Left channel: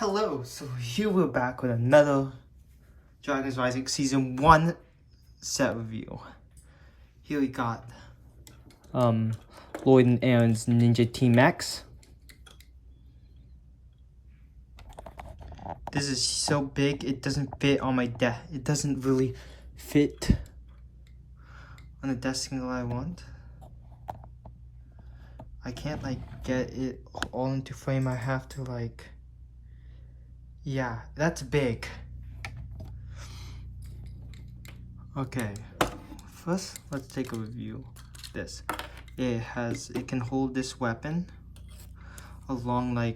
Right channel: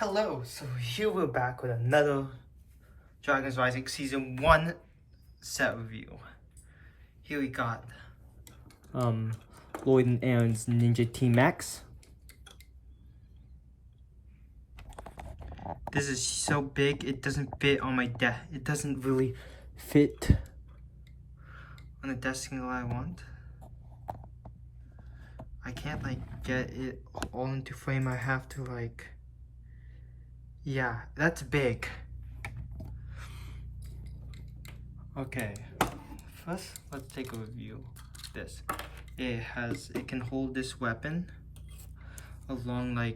Hello, so here we're back with another Dragons Rising Season 1 set review. Here we got Lloyd and Arin's Ninja Team Mechs. This is so big, it doesn't fit on my desk. It doesn't really fit on the desk that I want. I can't get it all into frame. I have to yeah, that's big. Okay, first let's take a review of this. It can hold this weapon, a long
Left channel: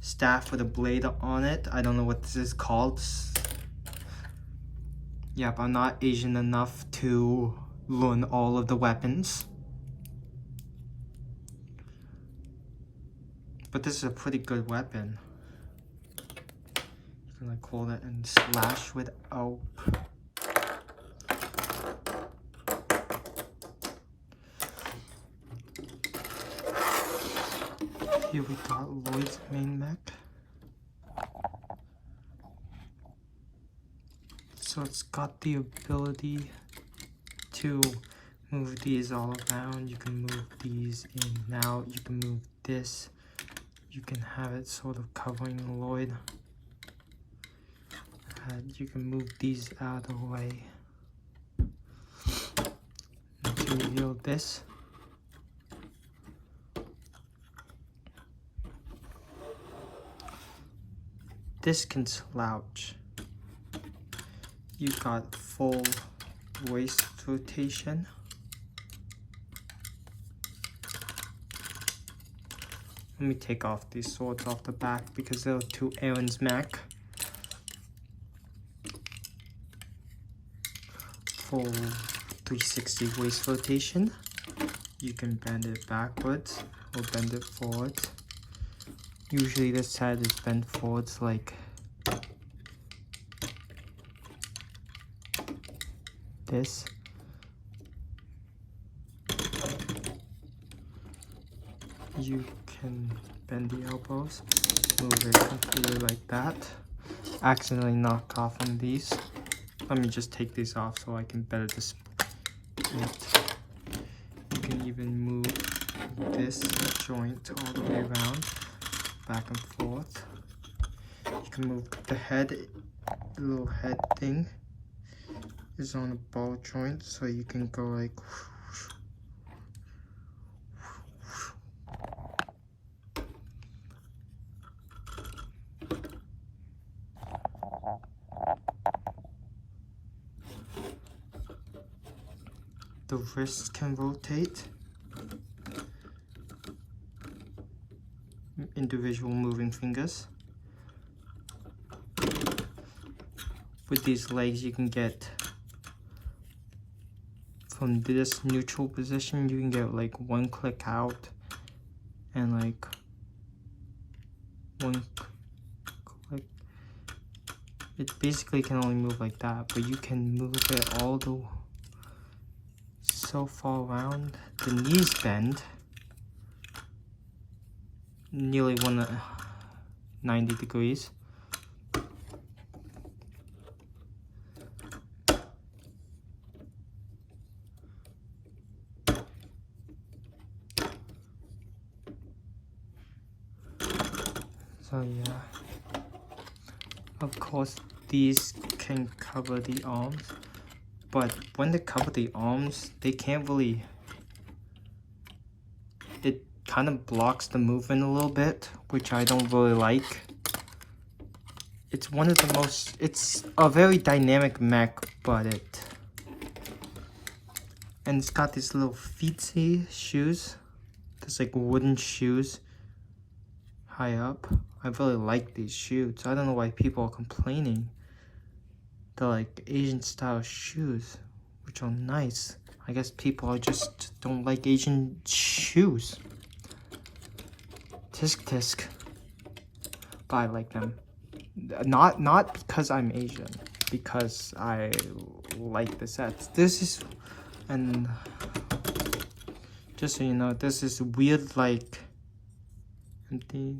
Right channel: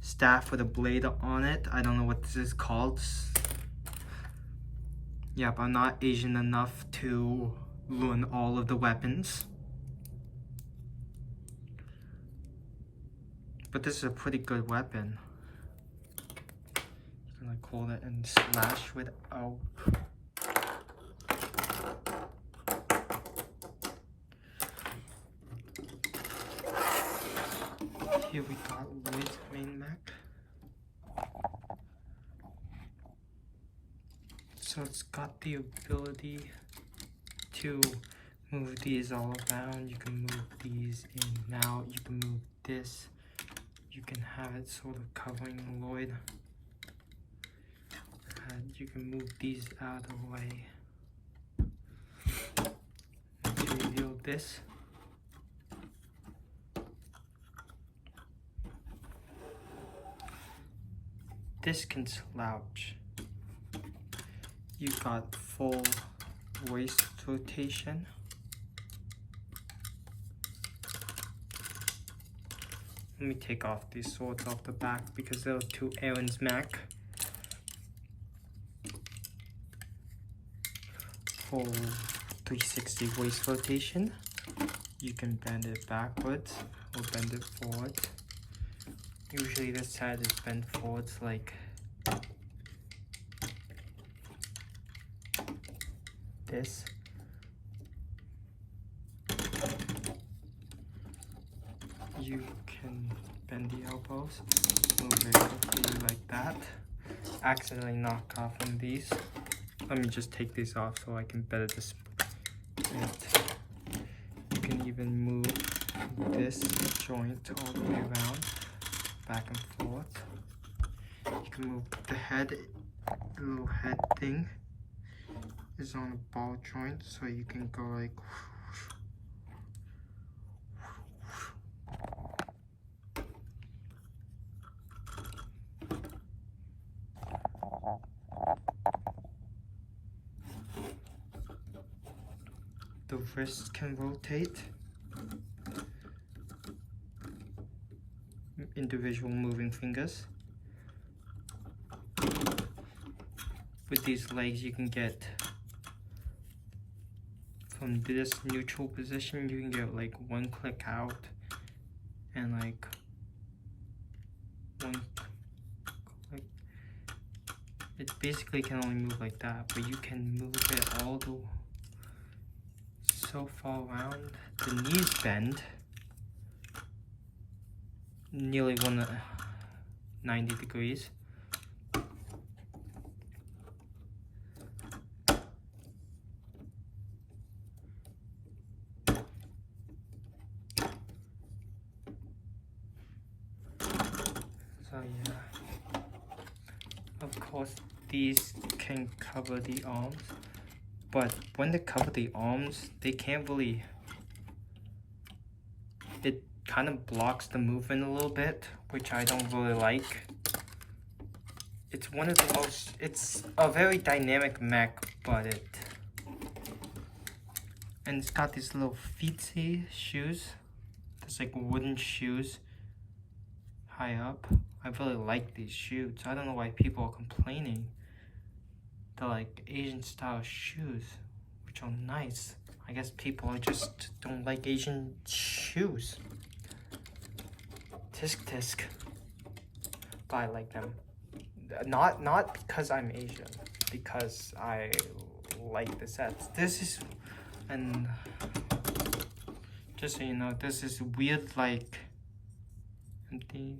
staff with a blade on it. I don't know what this is called. Yep, I'm not Asian enough to learn all of the weapons. But this is a pretty good weapon. You can hold it and slash with Here we got Lloyd's main mech. So it's got the ability to move these all around. You can move these in and out. You can move this. You can have it sort of covering Lloyd. And you can move these out of the way. And to reveal this, this can slouch. You got full waist rotation. Let me take off these swords off the back because they're to Arin's mech. Full 360 waist rotation. You can bend it backwards or bend it forwards. Usually this side is bent forwards like this. You can bend the elbows, move it completely like that. Accidentally knock off on these. Let me just take these off so I can better display it. You can even move this joint all the way around, back and forth. You can move the head, the little head thing is on a ball joint, so you can go like the wrists can rotate. Individual moving fingers. With these legs you can get from this neutral position, you can get like one click out and like one click. It basically can only move like that, but you can move it all the so far around. The knees bend nearly 190 degrees. So yeah, of course these can cover the arms, but when they cover the arms, they can't really, it kind of blocks the movement a little bit, which I don't really like. It's one of the most, it's a very dynamic mech, but and it's got these little feetsy shoes. There's like wooden shoes high up. I really like these shoes. I don't know why people are complaining. They're like Asian style shoes, which are nice. I guess people just don't like Asian shoes. Tisk. But I like them. Not because I'm Asian, because I like the sets. This is, and just so you know, this is weird empty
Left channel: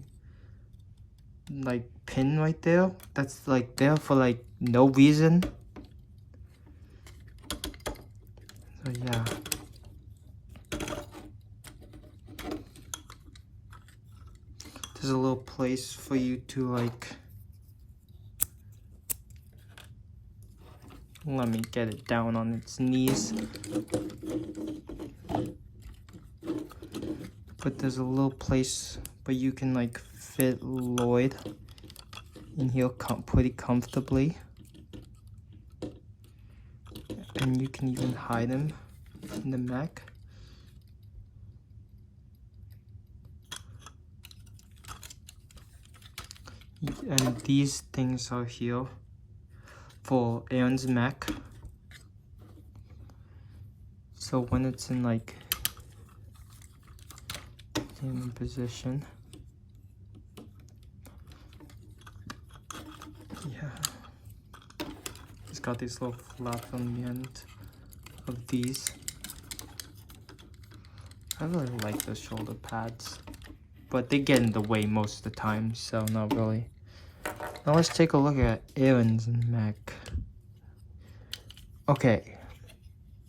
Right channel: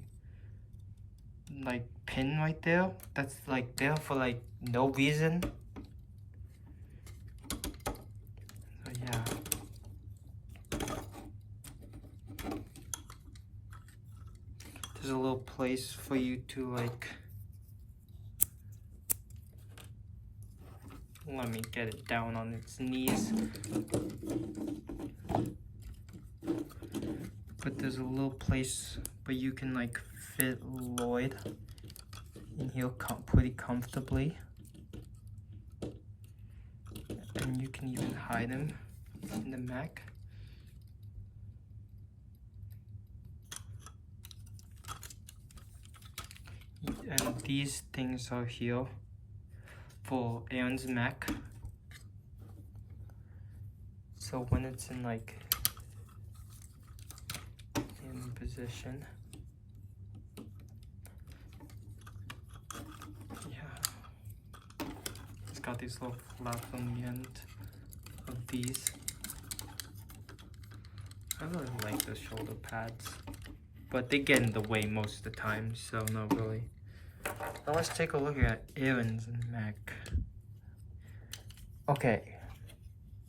like pin right there that's like there for like no reason. So yeah. There's a little place for you to like, let me get it down on its knees. But there's a little place where you can like fit Lloyd in here pretty comfortably. And you can even hide him in the mech. And these things are here for Arin's mech. So when it's in like same position, yeah, it's got these little flaps on the end of these. I really like the shoulder pads, but they get in the way most of the time, so not really. Now let's take a look at Arin's mech. Okay,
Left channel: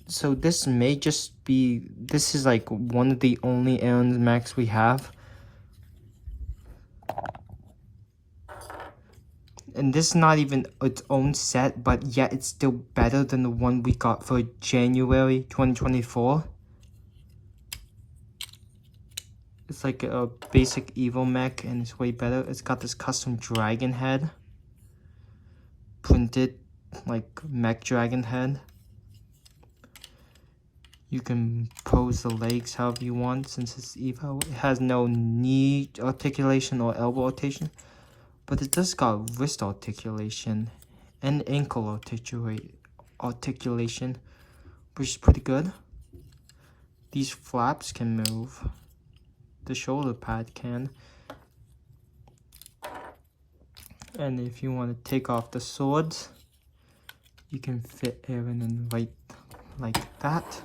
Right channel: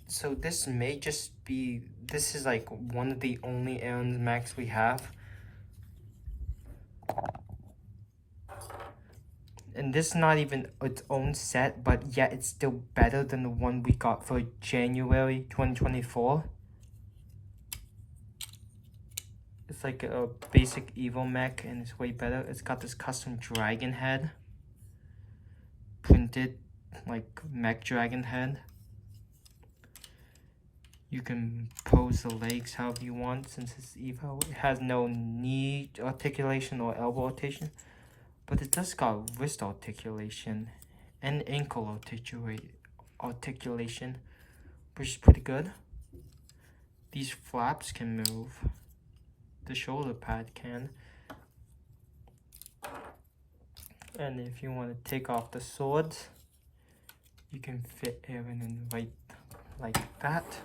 so this may just be, this is like one of the only Arin's mechs we have. And this is not even its own set, but yet it's still better than the one we got for January 2024. It's like a basic evil mech and it's way better. It's got this custom dragon head. Printed like mech dragon head. You can pose the legs however you want since it's evil. It has no knee articulation or elbow rotation. But it does got wrist articulation and ankle articulation, which is pretty good. These flaps can move. The shoulder pad can. And if you want to take off the swords, you can fit Arin in right like that.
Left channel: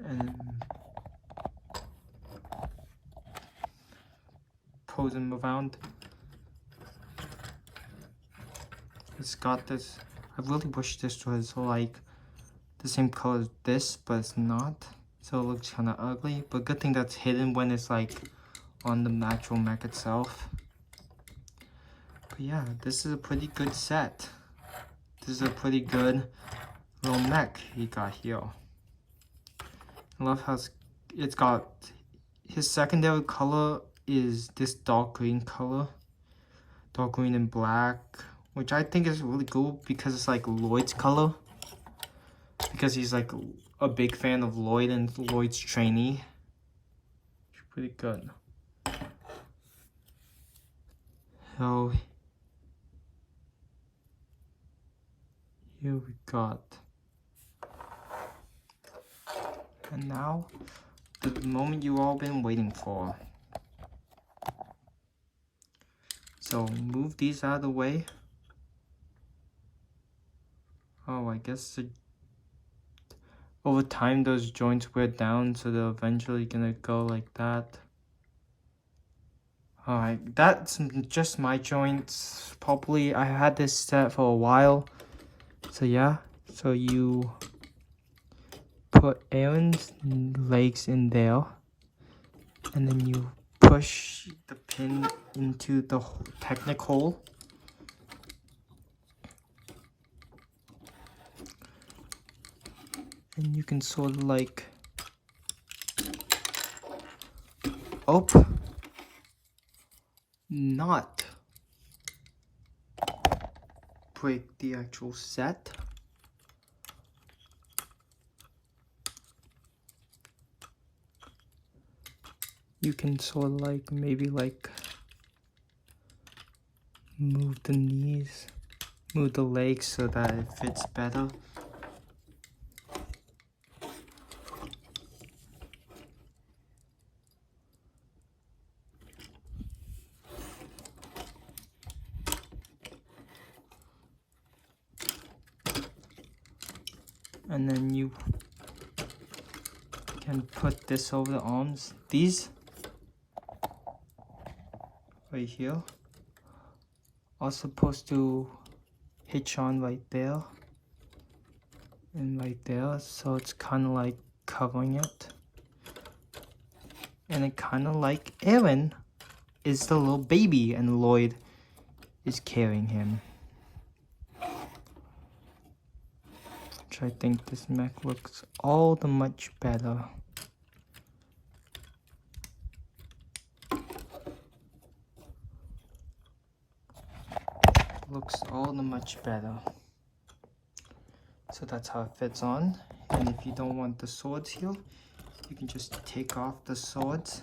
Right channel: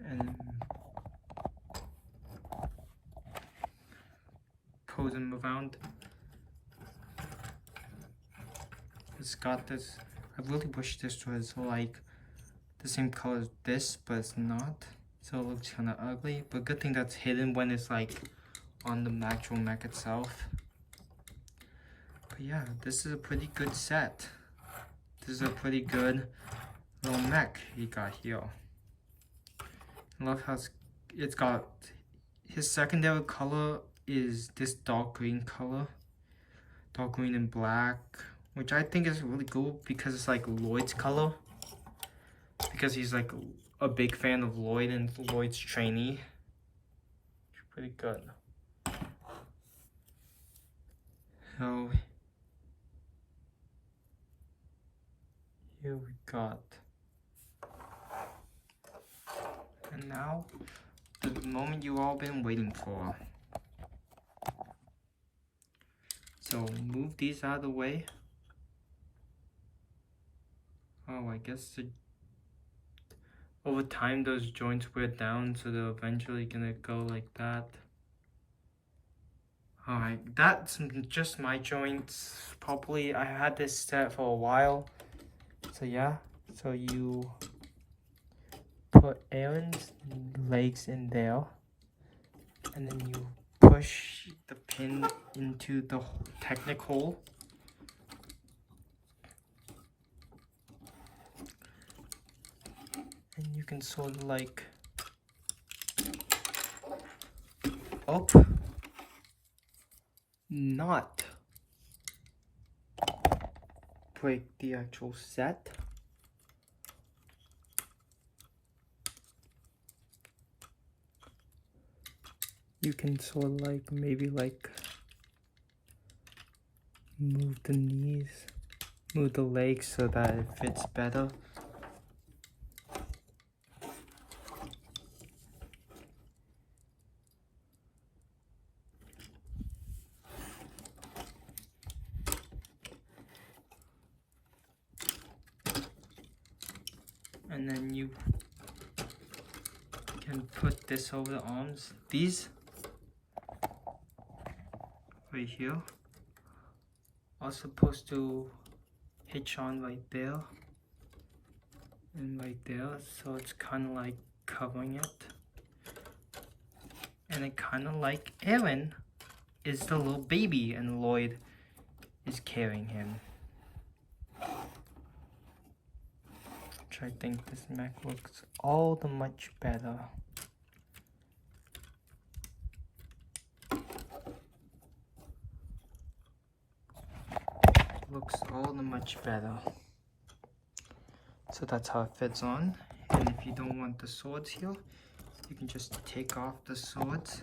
And pose him around. It's got this, I really wish this was like the same color as this, but it's not. So it looks kind of ugly, but good thing that's hidden when it's like on the actual mech itself. But yeah, this is a pretty good set. This is a pretty good little mech he got here. I love how it's got, his secondary color is this dark green color. Dark green and black, which I think is really cool because it's like Lloyd's color. Because he's like a big fan of Lloyd and Lloyd's trainee. It's pretty good. So here we got. And now, the moment you all been waiting for. So move these out of the way. Oh, I guess over time those joints wear down, so they're eventually gonna go like that. Alright, that's just my joints. Probably I had this set for a while. So yeah, so you put Arin's legs in there, and then you push the pin into the Technic hole. And you can sort of like, not break the actual set. You can sort of like, maybe like move the knees, move the legs so that it fits better. And then you can put this over the arms. These right here are supposed to hitch on right there and right there, so it's kind of like covering it. And it kind of like Arin is the little baby and Lloyd is carrying him. Which I think this mech looks all the much better. Looks all the much better. So that's how it fits on. And if you don't want the swords here, you can just take off the swords.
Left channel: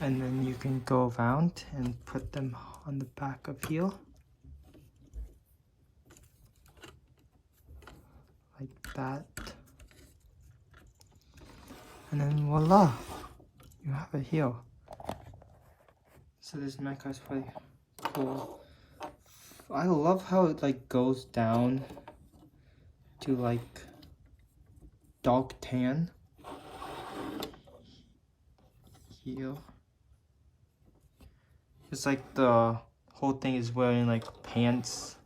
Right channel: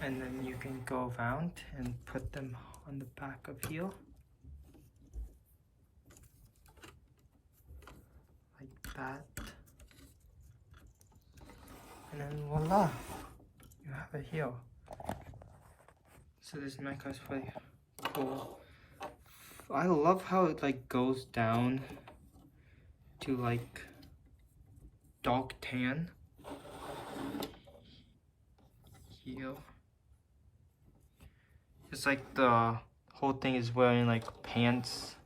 And then you can go around and put them on the back of here. Like that. And then voila, you have it here. So this mech is pretty cool. I love how it like goes down to like dark tan here. It's like the whole thing is wearing like pants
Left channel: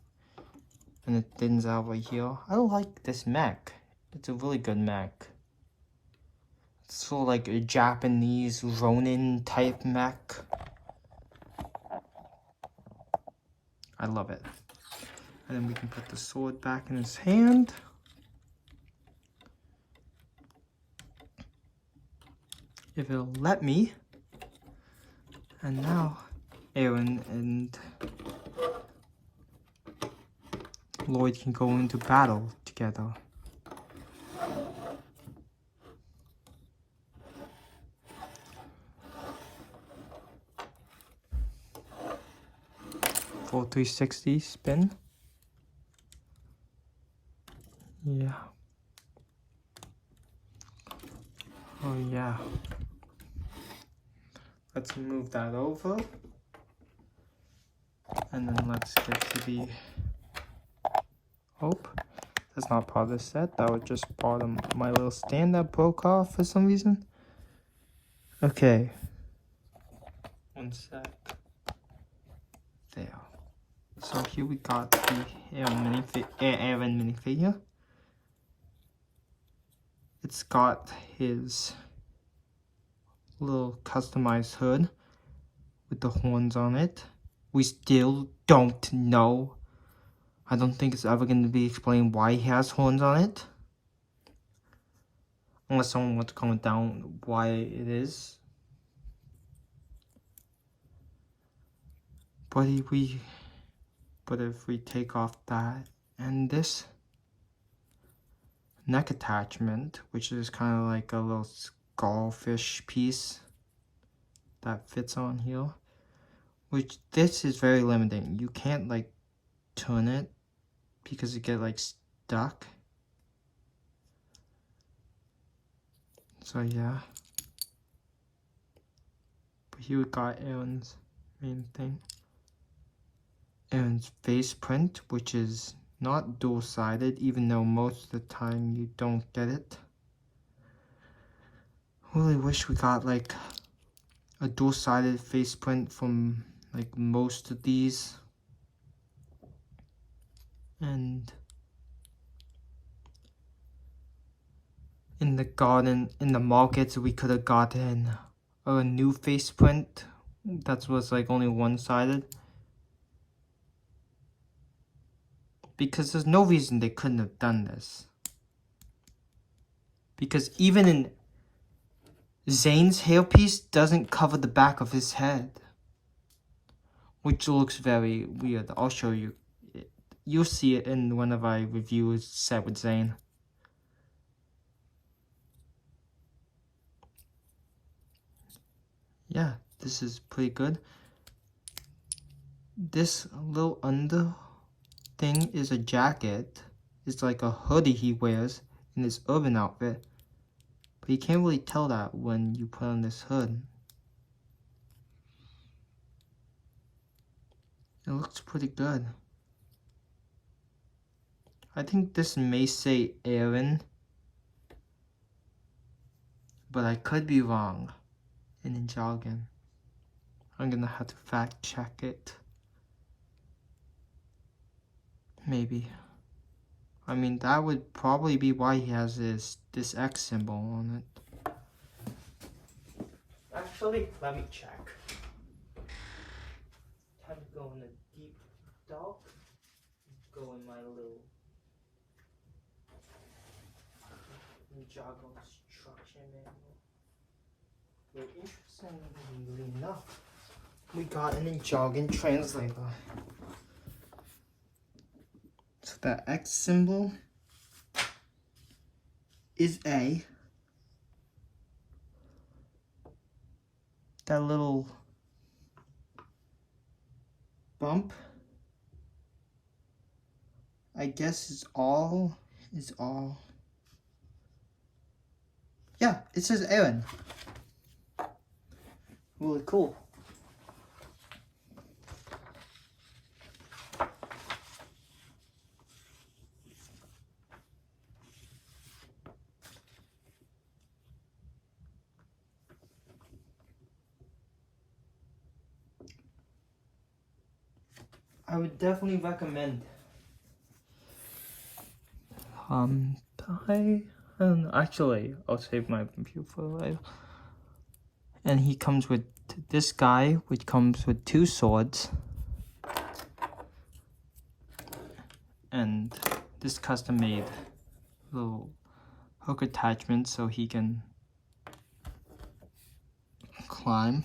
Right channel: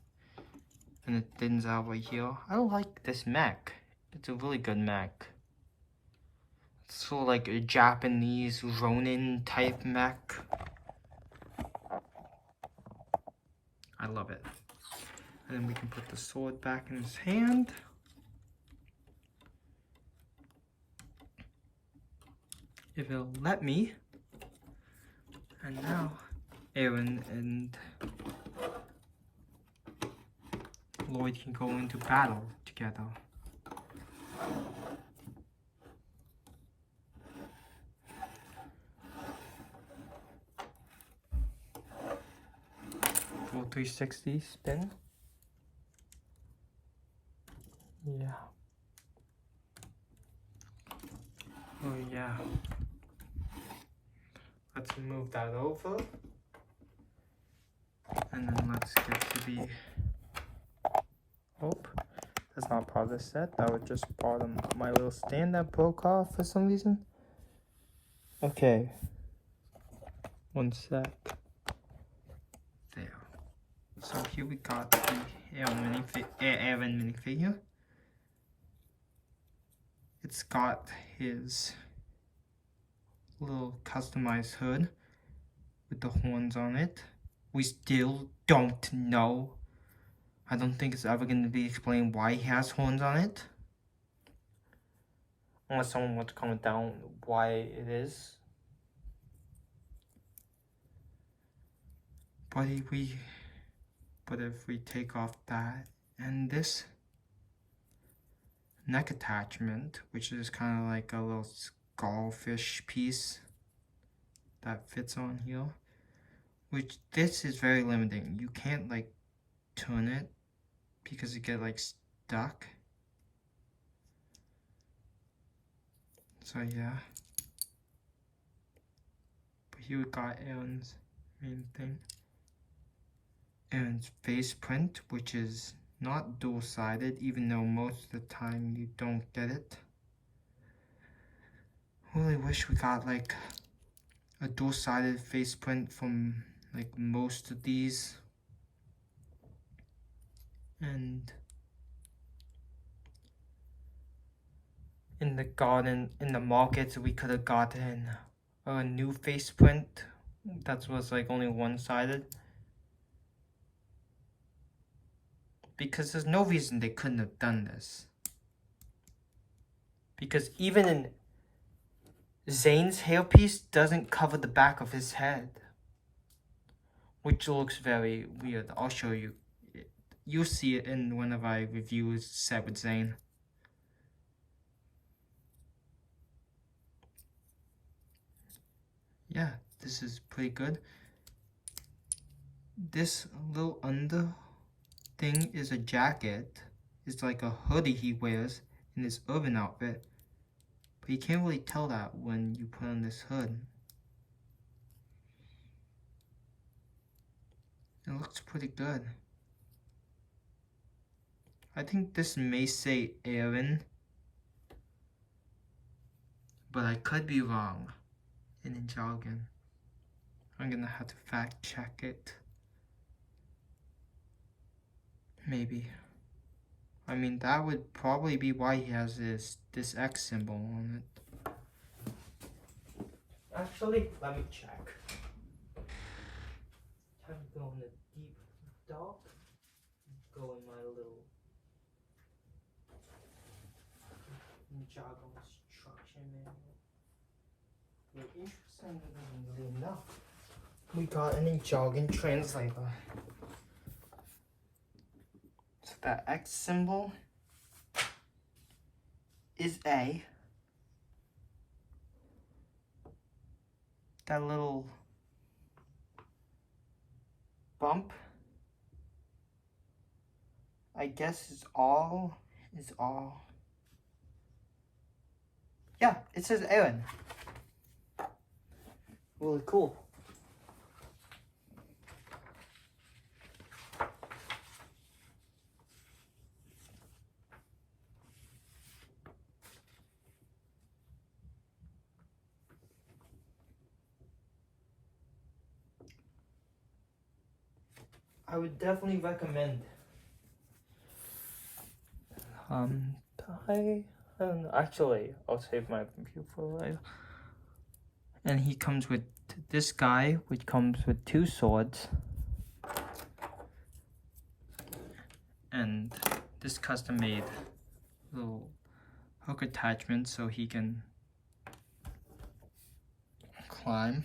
and it thins out right here. I like this mech. It's a really good mech. It's sort of like a Japanese Ronin type mech. I love it. And then we can put the sword back in his hand. If it'll let me. And now Arin and Lloyd can go into battle together. Full 360 spin. Yeah. Oh yeah. Let's move that over. And then let's get to the... Oh, that's not part of the set. That was just part of my little stand that broke off for some reason. Okay. One sec. There. So here we got the Arin minifigure. It's got his little customized hood with the horns on it. We still don't know. I don't think it's ever going to be explained why he has horns on it. Unless someone wants to comment down why it is. But if we take off that and this neck attachment, which is kind of like a little skullfish piece that fits on here, which this is very limiting. You can't like turn it because it get like stuck. So yeah. But here we got Arin's main thing. Arin's face print, which is not dual-sided, even though most of the time you don't get it. Really wish we got like a dual-sided face print from like most of these. And in the markets, we could have gotten a new face print that was like only one-sided. Because there's no reason they couldn't have done this. Because even in Zane's hairpiece doesn't cover the back of his head. Which looks very weird. I'll show you. You'll see it in one of our reviews set with Zane. Yeah, this is pretty good. This little under thing is a jacket. It's like a hoodie he wears in his urban outfit. But you can't really tell that when you put on this hood. It looks pretty good. I think this may say Arin, but I could be wrong in Ninjago. I'm gonna have to fact check it. Maybe. I mean, that would probably be why he has this X symbol on it. Actually, let me check. Time to go in the deep dark. Go in my little Ninjago instruction manual. Well, interestingly enough, we got an Ninjago translator. So that X symbol is A. That little bump, I guess is all. Yeah, it says Arin. Really cool. I would definitely recommend. I don't know. Actually, I'll save my review for later. And he comes with this guy, which comes with 2 swords. And this custom made little hook attachment so he can climb,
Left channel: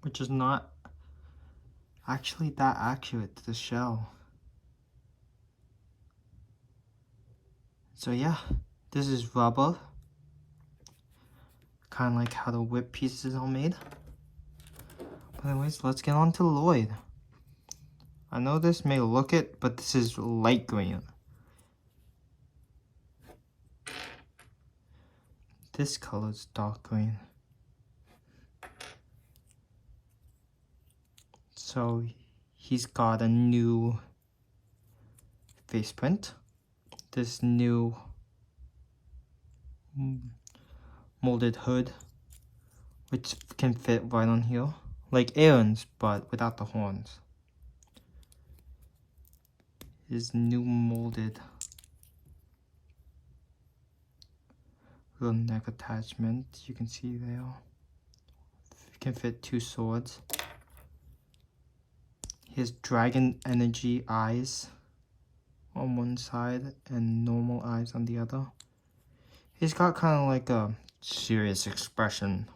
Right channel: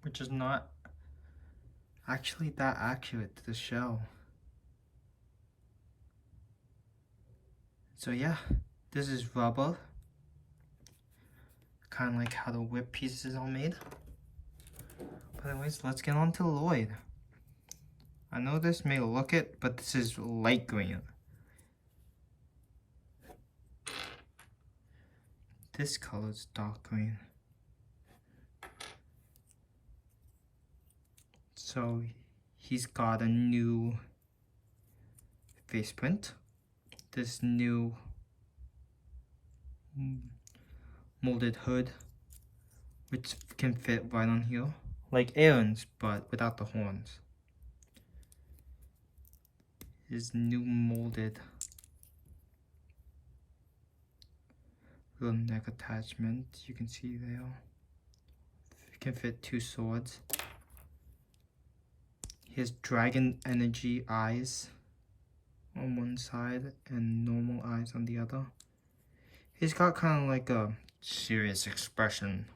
which is not actually that accurate to the shell. So yeah, this is rubber, kind of like how the whip pieces are made. But anyways, let's get on to Lloyd. I know this may look it, but this is light green. This color is dark green. So he's got a new face print. This new molded hood, which can fit right on here, like Arin's, but without the horns. His new molded little neck attachment, you can see there. It can fit 2 swords. His dragon energy eyes on one side and normal eyes on the other. He's got kind of like a serious expression.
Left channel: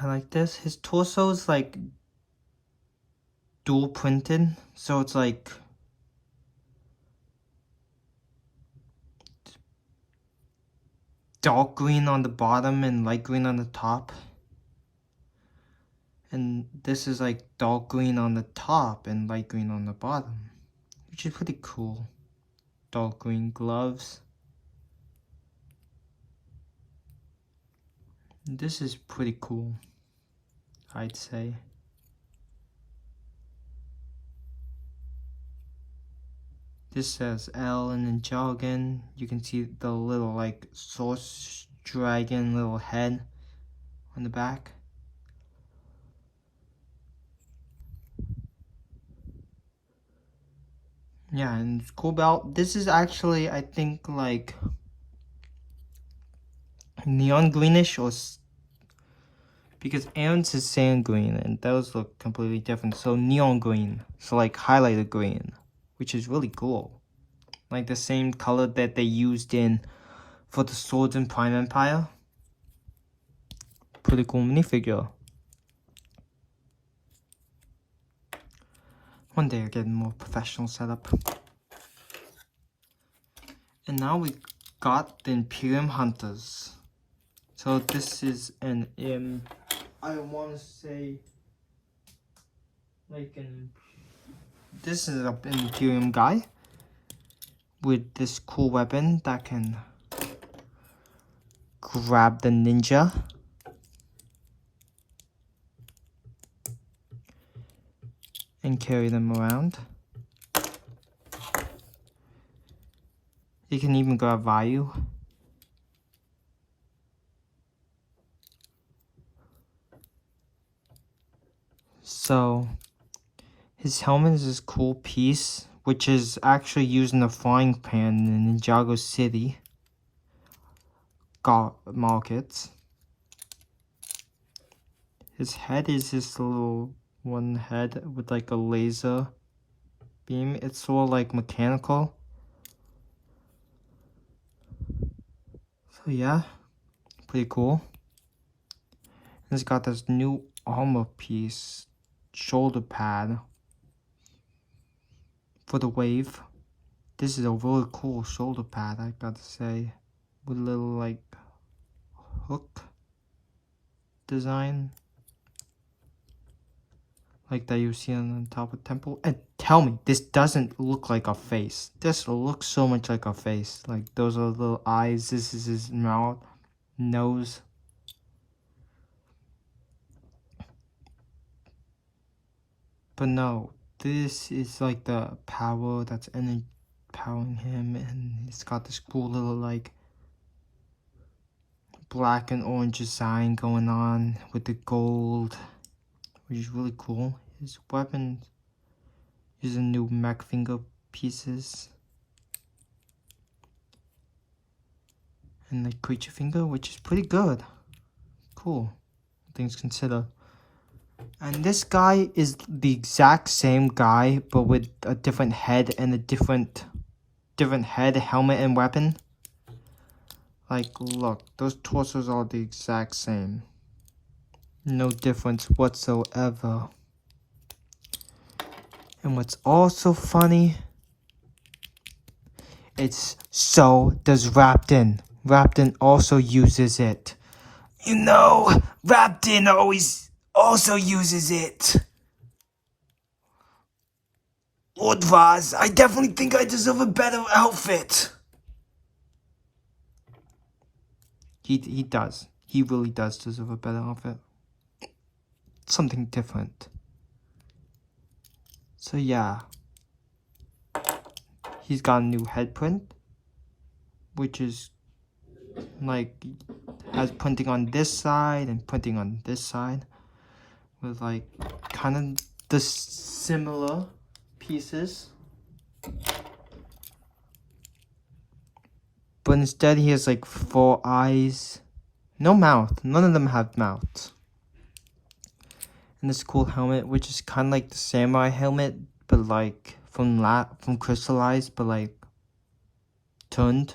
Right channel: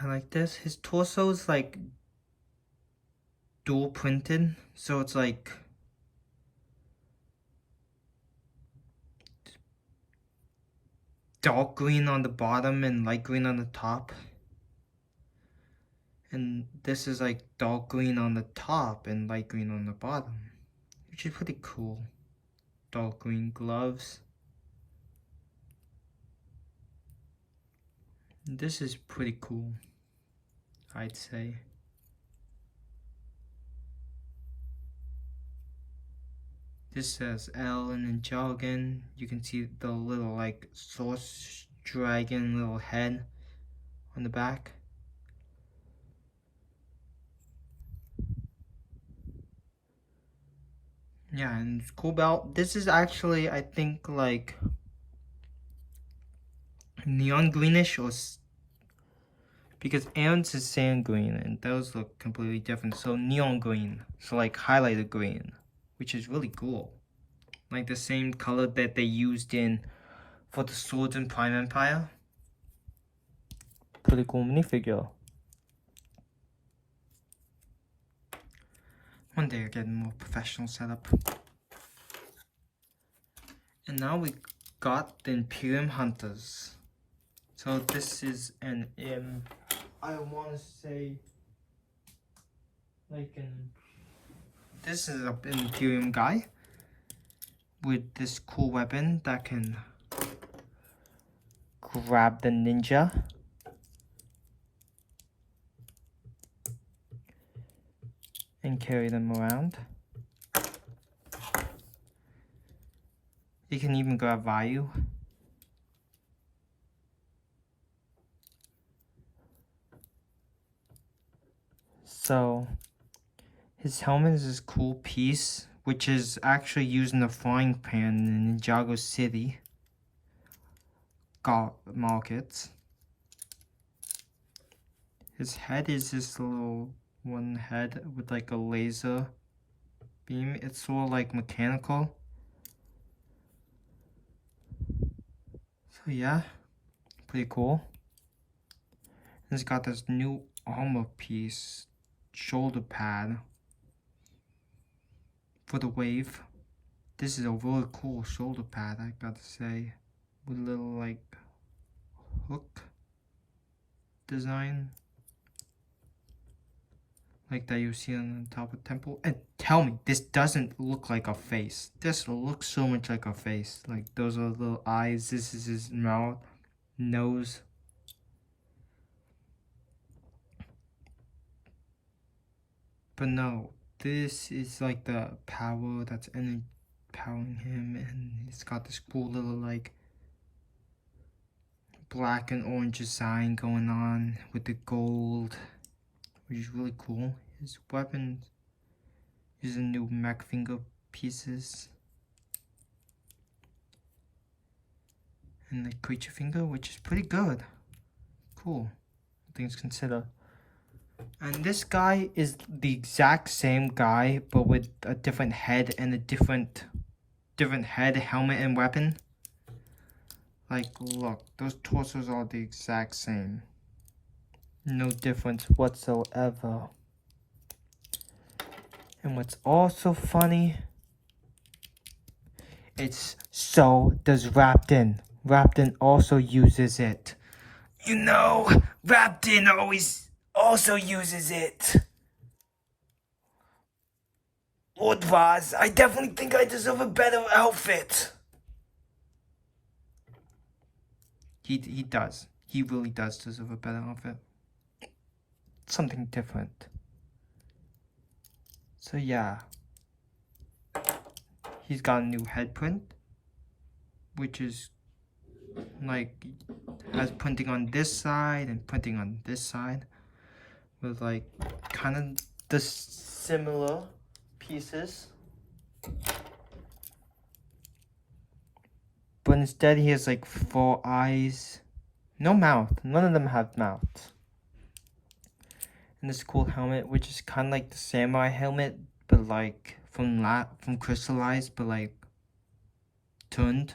I like this. His torso is like dual printed, so it's like dark green on the bottom and light green on the top. And this is like dark green on the top and light green on the bottom, which is pretty cool. Dark green gloves. This is pretty cool, I'd say. This says L in Ninjago. You can see the little like source dragon little head on the back. Yeah, and cool belt. This is actually, I think, like neon greenish, or because Arin's is sand green and those look completely different. So neon green, so like highlighter green, which is really cool. Like the same color that they used for the swords in Prime Empire. Pretty cool minifigure. One day I'll get a more professional setup. And now we got the Imperium Hunters. So this is an I want to say like this is an Imperium guy with this cool weapon that can grab the ninja. And carry them around. He can even grab value. So his helmet is this cool piece, which is actually used in the frying pan in Ninjago City markets. His head is this little one head with like a laser beam. It's sort of like mechanical. So yeah, pretty cool. It's got this new armor piece, shoulder pad for the wave. This is a really cool shoulder pad, I gotta say, with a little like hook design like that you see on the top of the temple. And tell me, this doesn't look like a face. This looks so much like a face. Like those are little eyes. This is his mouth, nose. But no, this is like the power that's empowering him, and he's got this cool little like black and orange design going on with the gold, which is really cool. His weapon is a new mech finger pieces and the creature finger, which is pretty good. Cool, things considered. And this guy is the exact same guy, but with a different head and a different head, helmet, and weapon. Like, look, those torsos are the exact same. No difference whatsoever. And what's also funny, so does Raptin. Raptin also uses it. You know, Raptin always also uses it. Lord Vaz, I definitely think I deserve a better outfit. He does. He really does deserve a better outfit. Something different. So yeah. He's got a new head print, which is like has printing on this side and printing on this side with like kind of the similar pieces, but instead he has like 4 eyes, no mouth. None of them have mouths. And this cool helmet, which is kind of like the samurai helmet, but like from crystallized, but like turned,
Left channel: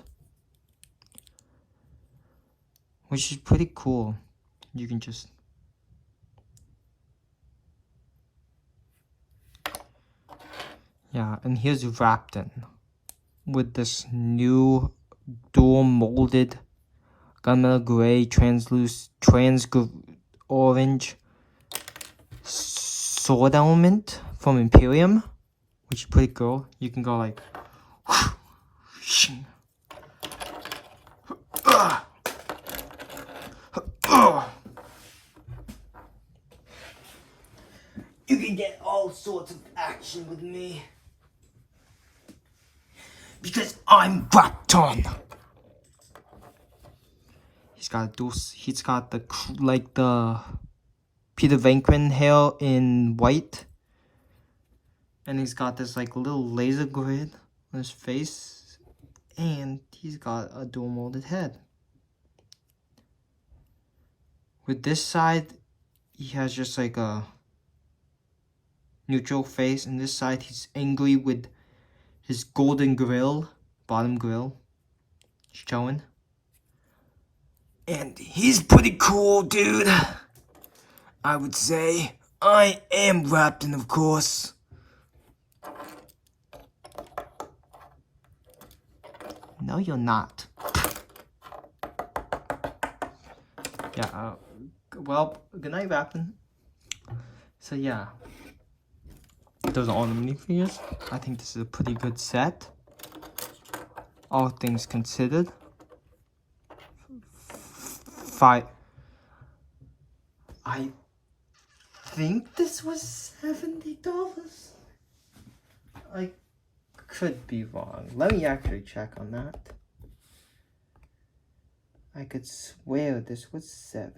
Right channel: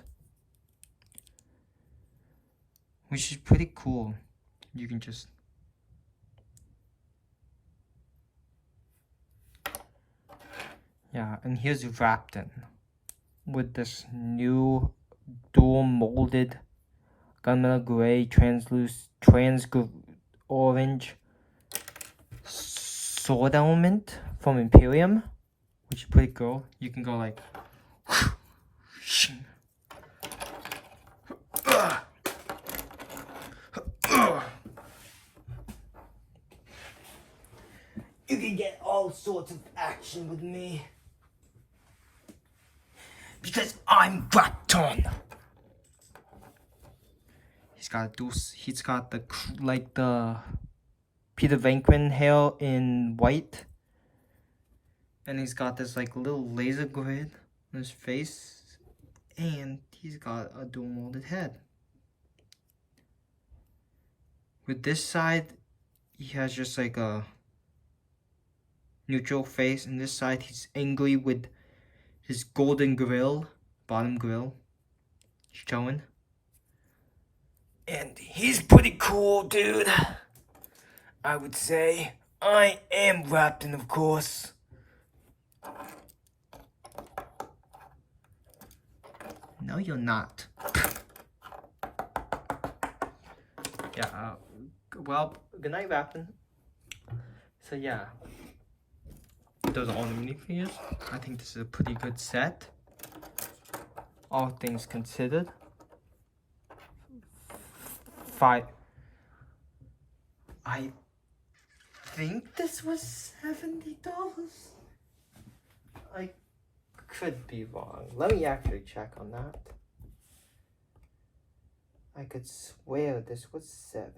which is pretty cool. You can just yeah, and here's Raptin with this new dual molded gunmetal gray orange sword element from Imperium, which is pretty cool. You can go like you can get all sorts of action with me. Because I'm Rapton. He's got the like the Peter Venkman hair in white, and he's got this like little laser grid on his face, and he's got a dual molded head. With this side, he has just like a neutral face, and this side he's angry with his golden grill, bottom grill, showing. And he's pretty cool, dude. I would say. I am Raptin, of course. No, you're not. Yeah, well, good night, Raptin. So, yeah. Those are all the minifigures. I think this is a pretty good set. All things considered. I think this was $70. I could be wrong. Let me actually check on that. I could swear this was $70.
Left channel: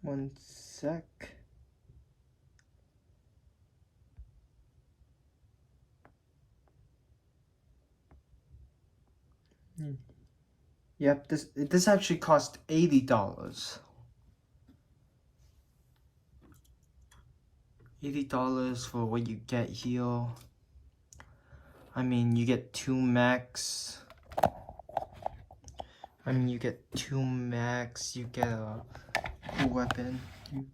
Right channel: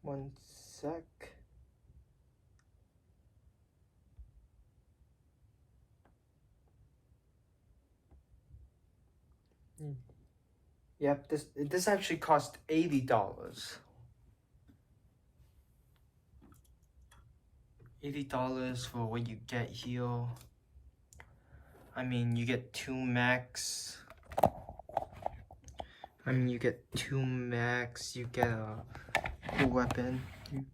One sec. Yep, this actually cost $80. $80 for what you get here. I mean, you get 2 mechs. You get 2 mechs, you get a cool weapon. You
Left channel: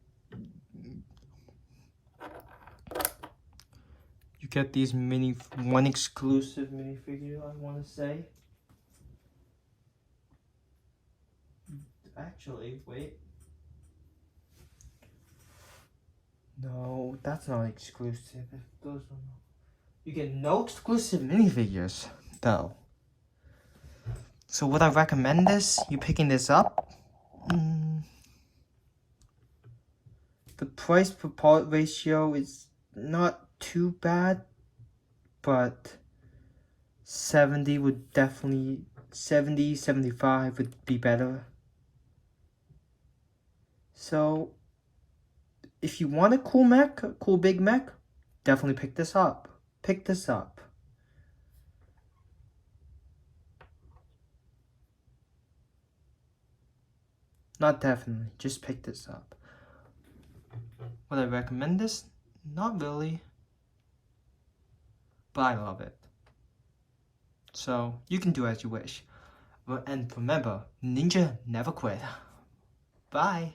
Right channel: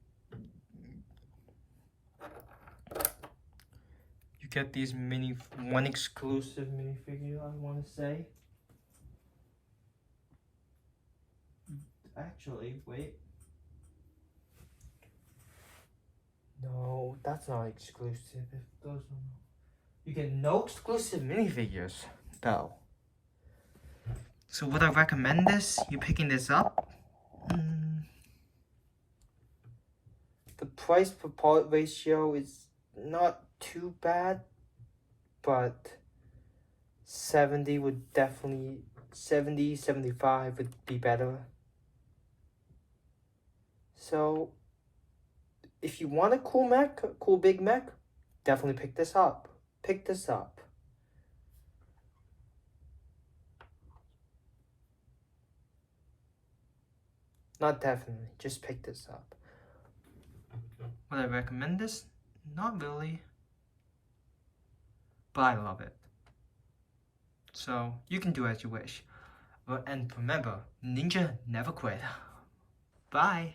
get these one exclusive minifigure, I want to say. Actually, wait. No, that's not exclusive. Those are not. You get no exclusive minifigures, though. So would I recommend this? You picking this up? The price per part ratio is not too bad, but 70 would definitely, 70, 75 would be better. So if you want a cool mech, a cool big mech, definitely pick this up. Pick this up. Not definitely, just pick this up. Would I recommend this? Not really. But I love it. So you can do as you wish. And remember, Ninja never quit. Bye.